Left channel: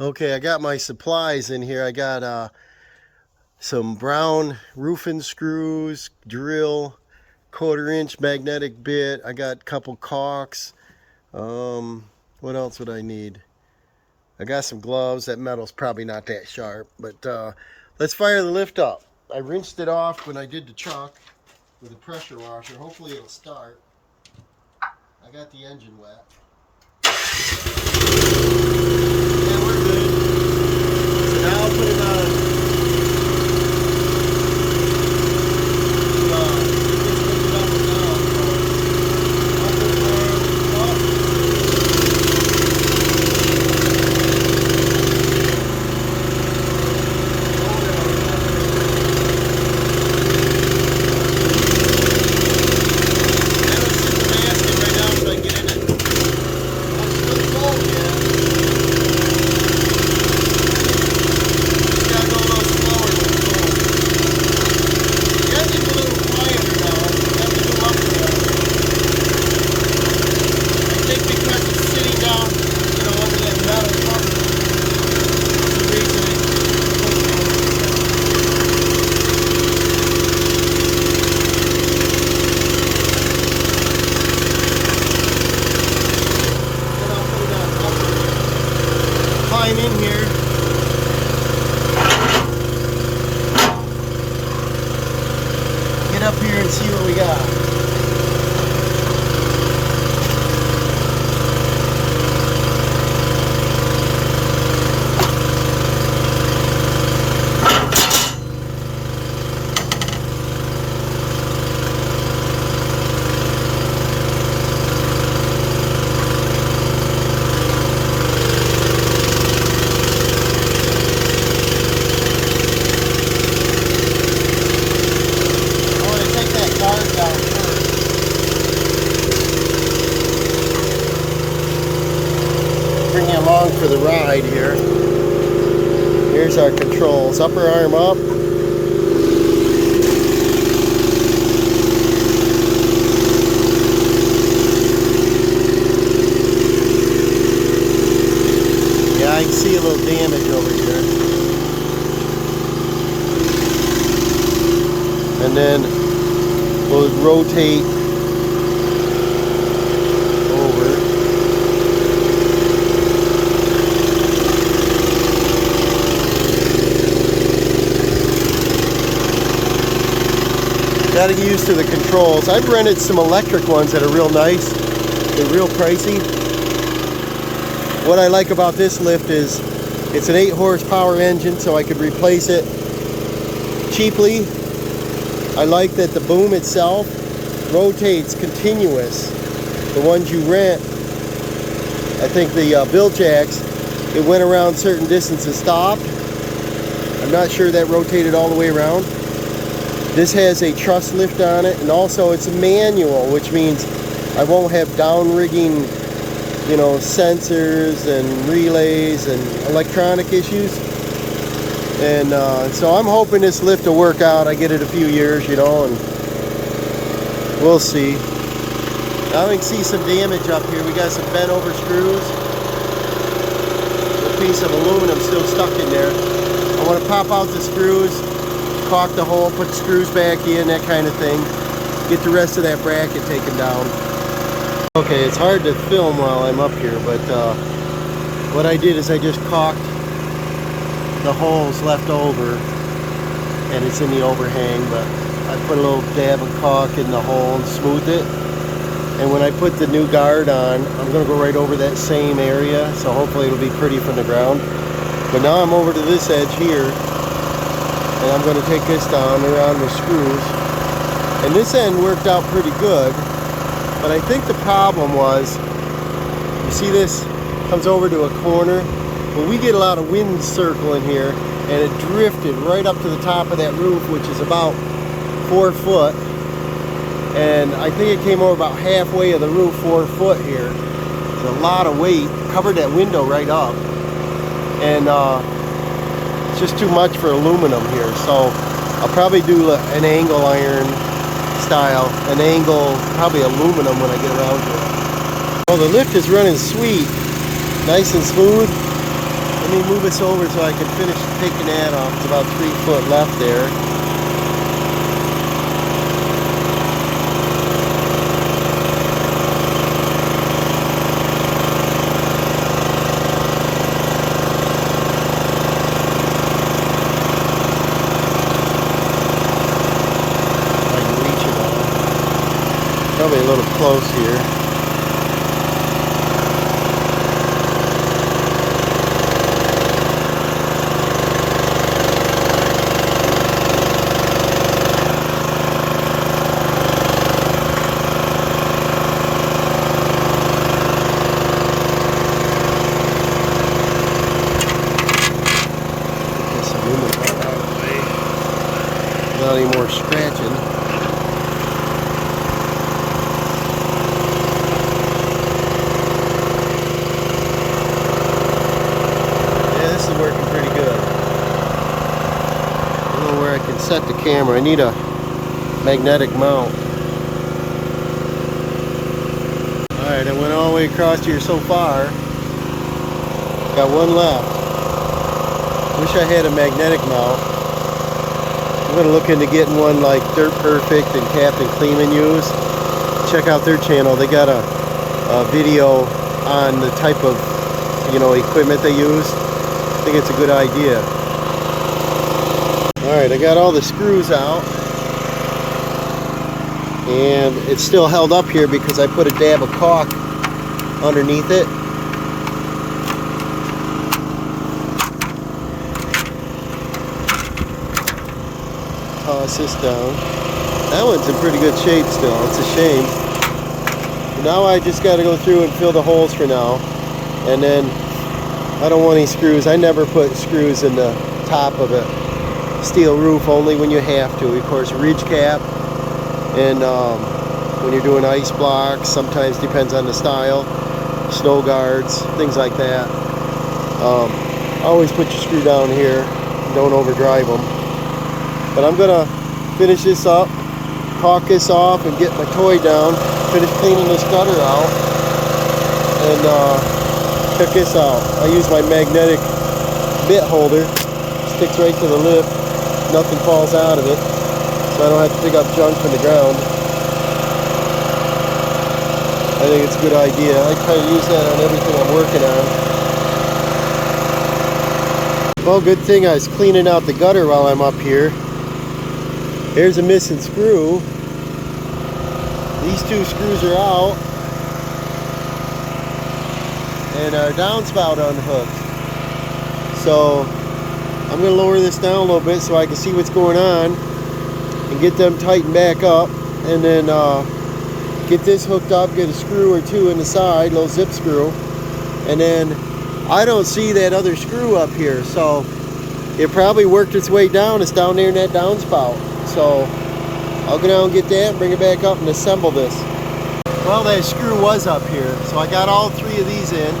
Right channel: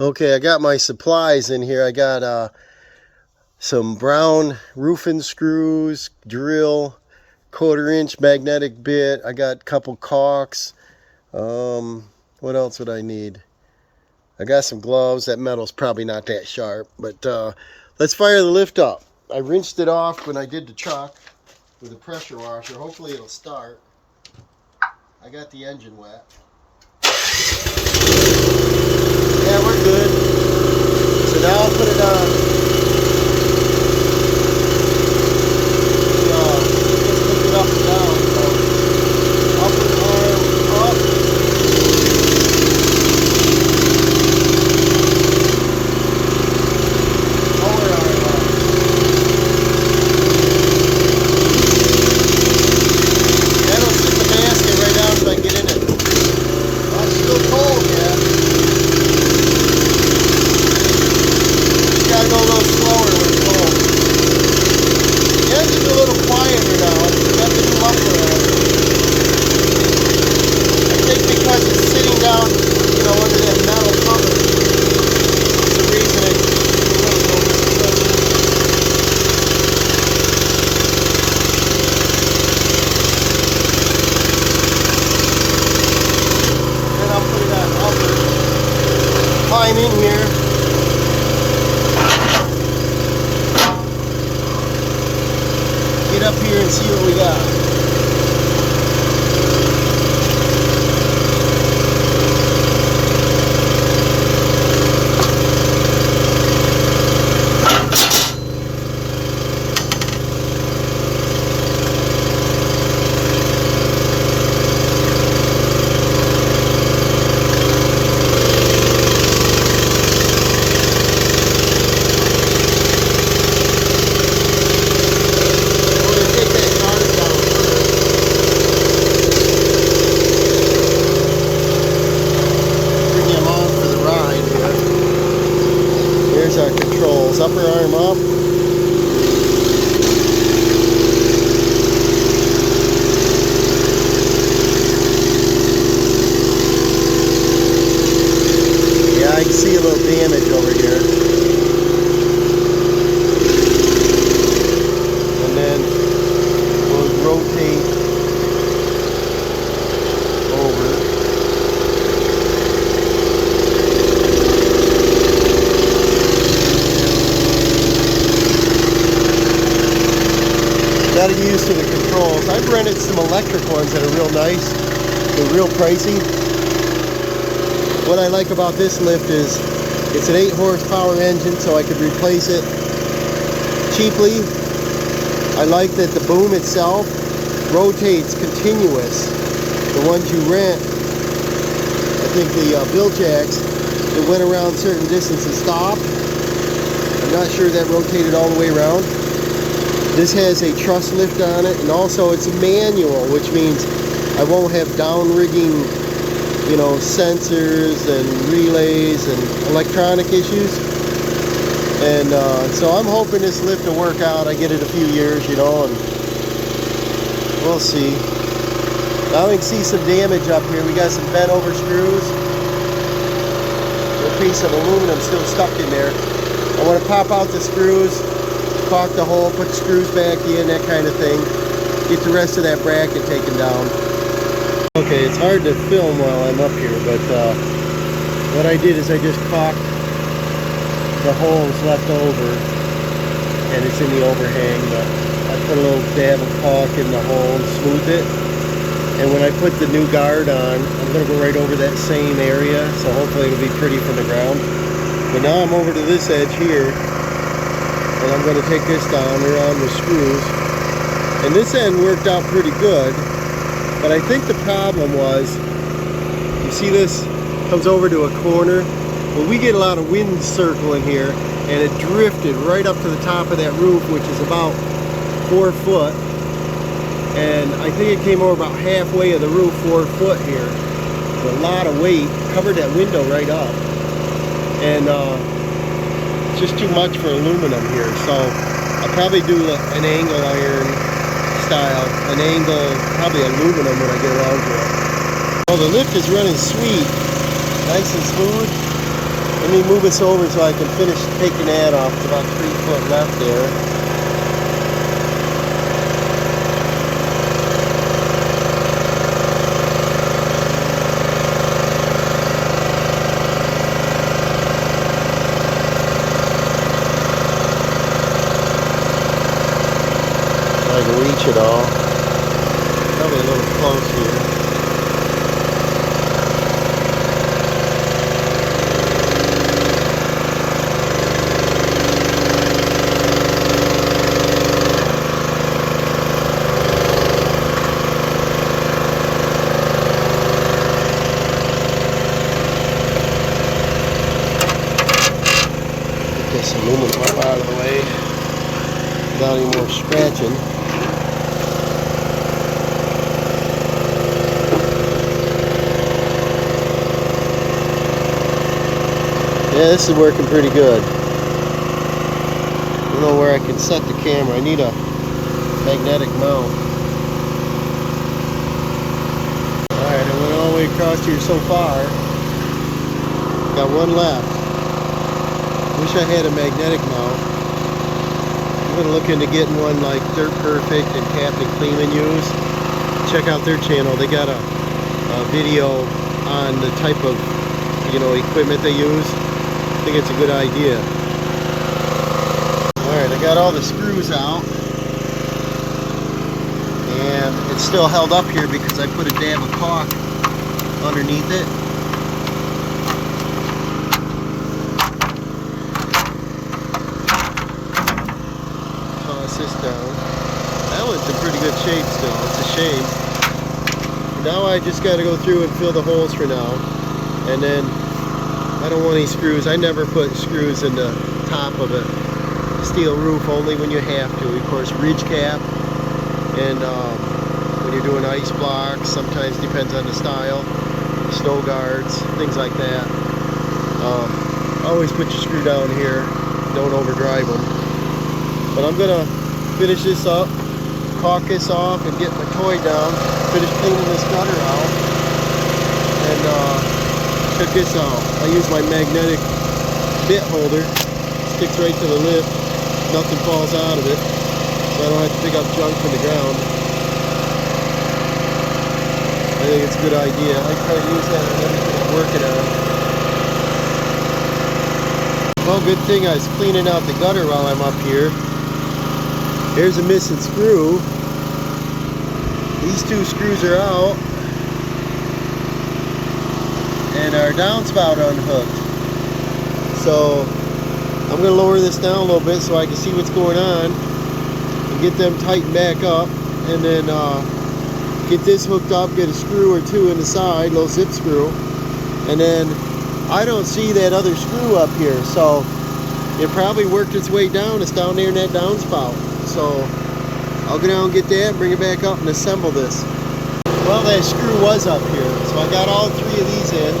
Okay, I got my supplies in here. I got some brown roofing screws, drill, 1/4 inch magnetic bit. I got a couple caulks. What else would I need? I got some gloves. That metal's probably not that sharp, but let's fire the lift up. I rinsed it off when I did the chuck with a pressure washer. Hopefully it'll start. I got the engine wet. Yeah, we're good. So now I'll put it on. Climb in here. Get up here and see what we got. For the ride here. Here's our controls. Upper arm up. Yeah, I can see a little damage over here. And then those rotate over. Got to get used to the controls. I've rented some electric ones that are real nice. They're real pricey. What I like about this lift is it's an 8 horsepower engine, so I could replace it cheaply. I like that the boom itself rotates continuous. The ones you rent, I think the bill jacks, it went around certain distances, stopped. I'm not sure that rotated all the way around. This has a truss lift on it, and also it's a manual, which means I won't have down rigging, you know, sensors and relays and electronic issues. And so I'm hoping this lift will work out. I get it a few years, you know, and we'll see. Now we can see some damage up here. We got some bent over screws. A little piece of aluminum still stuck in there. I want to pop out the screws, caulk the hole, put the screws back in, that kind of thing. Get the rest of that bracket taken down. Okay, it's hard to film while I'm up here, but what I did is I just caulked the holes left over, and it's in the overhang, but I put a little dab of caulk in the hole and smoothed it. And when I put the new guard on, I'm going to go right over that same area, so hopefully it'll be pretty from the ground. But now I'm over to this edge here, and I'm going to take this down around with screws. And this end worked out pretty good, but I think the problem was, you see this comes over to a corner. Well, we get a lot of wind circling here, and it drifted right up to the top of that roof, which is about 4 foot. And I think it came over about halfway of the roof, 4 foot here. There's a lot of weight, covered that window right up. And it's just too much for aluminum here, so I'll probably do an angle iron style, an angle, probably aluminum when I get around to it. Well, the lift is running sweet, nice and smooth. Let me move this over so I can finish taking that off. It's about 3 foot left there. So I can reach it all. Probably a little close here. Get this aluminum up out of the way without any more scratching. Yeah, this is working pretty good. I don't know where I can set the camera. I need a magnetic mount. Alright, I went all the way across here so far. Got one left. Wish I had a magnetic mount. I'm going to look into getting one like Dirt Perfect and Captain Clean use. Check out their channel. They got a video on the type of, equipment they use. I think it's a good idea. Alright, I got all the screws out. And it's still held up here because I put a dab of caulk underneath it. Toss this down. That one's in pretty good shape still. It's a shame. But now I just got to go through and fill the holes for now. And then I don't want any screws. I never put screws in the top of a steel roof, only when you have to. Of course, ridge cap. And when you're doing ice blocks, sometimes depends on the style, snow guards, things like that. Always put your screw down here, don't overdrive them. But I'm gonna finish this up, caulk this off, and get my toy down, finish cleaning this gutter out, and put this out. I use my magnetic bit holder, sticks right to the lip, nothing falls out of it. So I don't have to pick up junk from the ground. I think it's a good idea. I try to use that on everything I'm working on. Well, good thing I was cleaning out the gutter while I'm up here. Here's a missing screw. These two screws are out. And our downspout unhooked. So I'm going to lower this down a little bit so I can see what's going on. And get them tightened back up, and then get this hooked up, get a screw or two in the side, little zip screw, and then I don't see that other screw up here, so it probably worked its way down. It's down there in that downspout, so I'll go down and get that, bring it back up and assemble this. Well, that screw was up here, so I got all three of these in,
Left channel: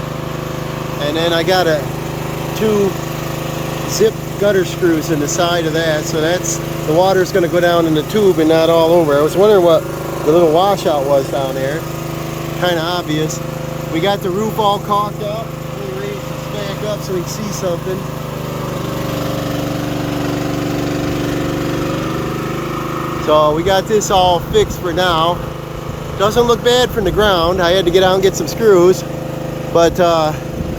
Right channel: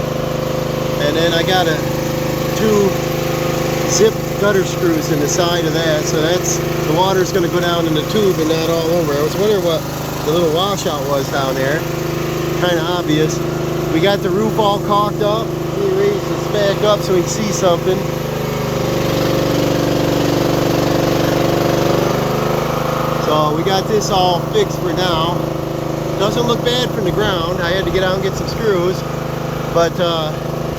and then I got two zip gutter screws in the side of that, so the water's going to go down in the tube and not all over. I was wondering what the little washout was down there. Kind of obvious. We got the roof all caulked up. Let me raise this back up so we can see something. So we got this all fixed for now. Doesn't look bad from the ground. I had to get out and get some screws, but I'm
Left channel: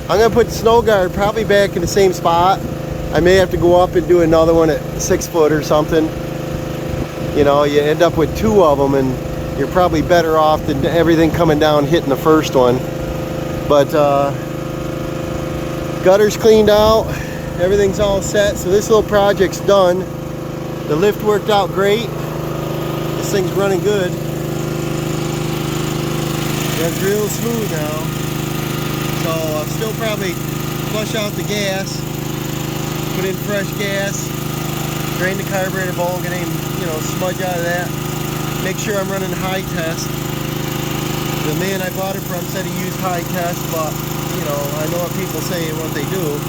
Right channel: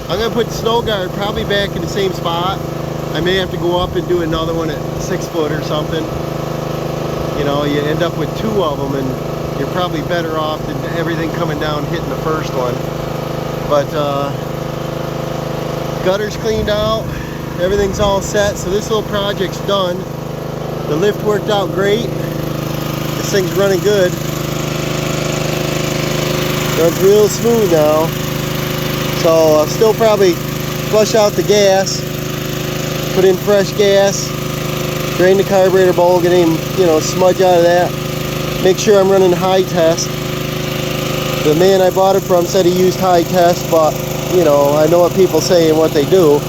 going to put the snow guard probably back in the same spot. I may have to go up and do another one at 6 foot or something. You know, you end up with two of them, and you're probably better off than everything coming down hitting the first one. But gutter's cleaned out, everything's all set, so this little project's done. The lift worked out great. This thing's running good. Runs real smooth now. So I'll still probably flush out the gas. Put in fresh gas, drain the carburetor bowl, get any, smudge out of that. Make sure I'm running high test. The man I bought it from said he used high test, but I know what people say and what they do.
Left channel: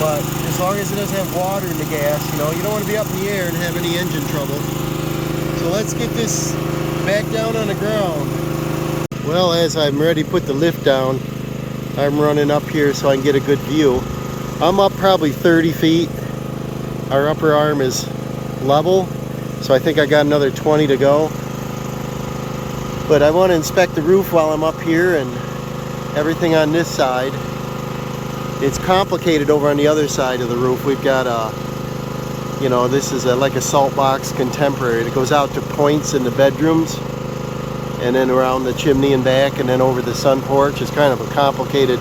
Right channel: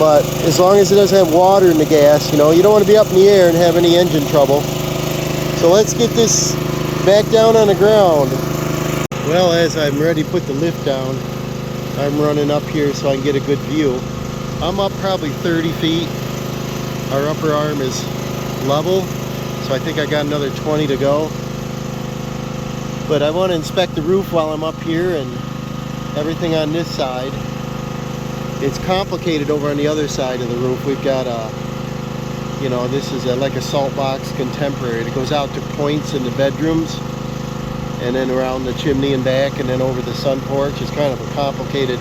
But as long as it doesn't have water in the gas, you don't want to be up in the air and have any engine trouble. So let's get this back down on the ground. Well, as I'm ready to put the lift down, I'm running up here so I can get a good view. I'm up probably 30 feet. Our upper arm is level, so I think I got another 20 to go. But I want to inspect the roof while I'm up here and everything on this side. It's complicated over on the other side of the roof. We've got you know, this is like a salt box contemporary. It goes out to points in the bedrooms and then around the chimney and back and then over the sun porch. It's kind of a complicated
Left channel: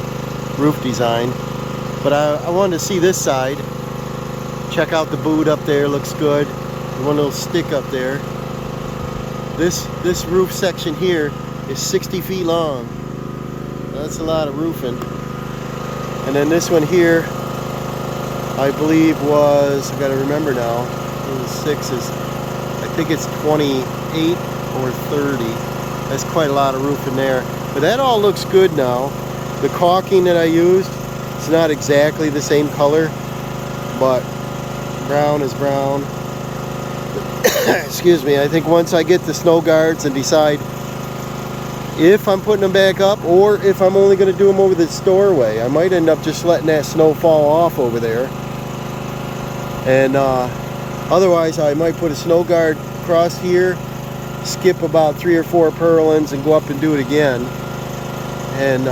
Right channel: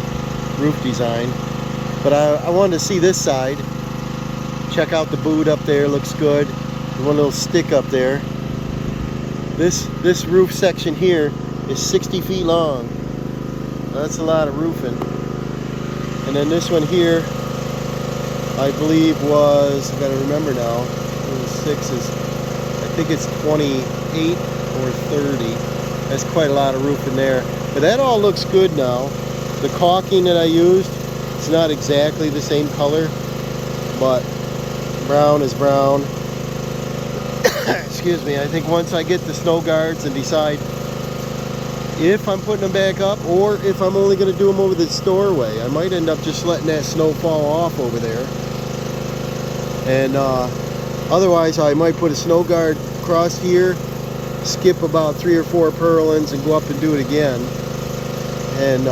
roof design. But I wanted to see this side. Check out the boot up there, looks good. One little stick up there. This roof section here is 60 feet long. That's a lot of roofing. And then this one here, I believe was, I gotta remember now, it was 6 is, I think it's 28 or 30. That's quite a lot of roof in there. But that all looks good now. The caulking that I used, it's not exactly the same color, but brown is brown. Excuse me. I think once I get the snow guards and decide if I'm putting them back up or if I'm only going to do them over the doorway, I might end up just letting that snow fall off over there. And otherwise I might put a snow guard across here, skip about 3 or 4 purlins and go up and do it again. And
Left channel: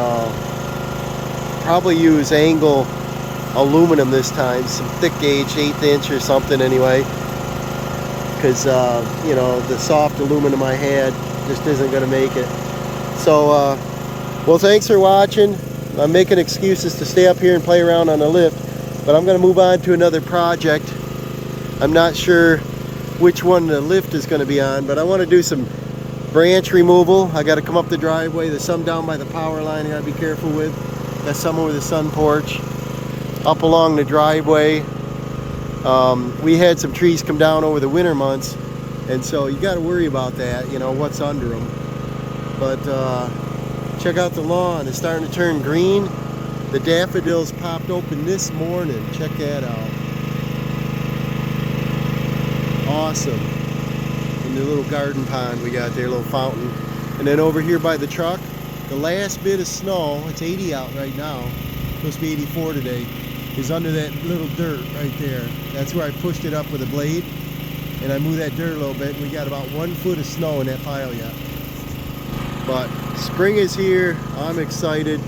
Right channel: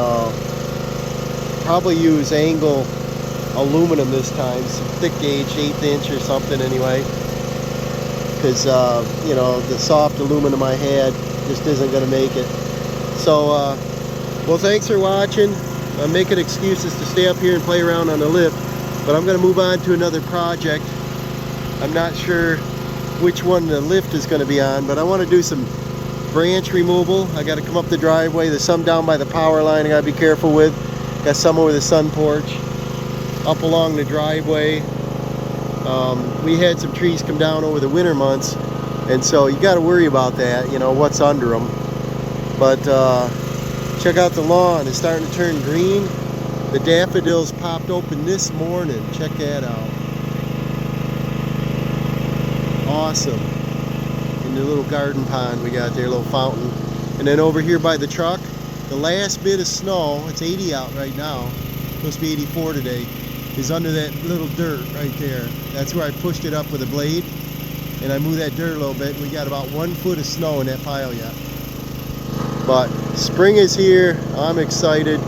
probably use angle aluminum this time, some thick gauge, 1/8 inch or something anyway. Because, you know, the soft aluminum I had just isn't going to make it. So, well, thanks for watching. I'm making excuses to stay up here and play around on the lift, but I'm going to move on to another project. I'm not sure which one the lift is going to be on, but I want to do some branch removal. I got to come up the driveway. There's some down by the power line I got to be careful with. Got some over the sun porch, up along the driveway. We had some trees come down over the winter months, and so you got to worry about that, you know, what's under them. But check out the lawn. It's starting to turn green. The daffodils popped open this morning. Check that out. Awesome. And the little garden pond we got there, little fountain. And then over here by the truck, the last bit of snow, it's 80 out right now, supposed to be 84 today, is under that little dirt right there. That's where I pushed it up with a blade, and I moved that dirt a little bit. We got about 1 foot of snow in that pile yet. But spring is here. I'm excited.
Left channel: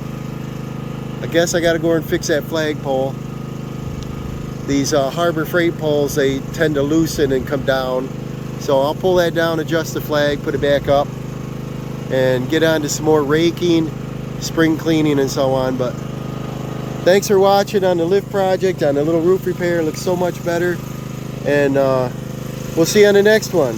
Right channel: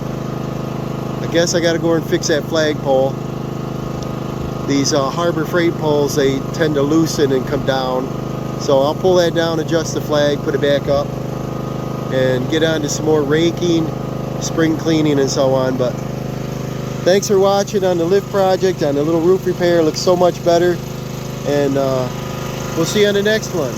I guess I got to go and fix that flagpole. These Harbor Freight poles, they tend to loosen and come down. So I'll pull that down, adjust the flag, put it back up, and get on to some more raking, spring cleaning, and so on. But thanks for watching on the lift project, on the little roof repair. It looks so much better. And we'll see you on the next one.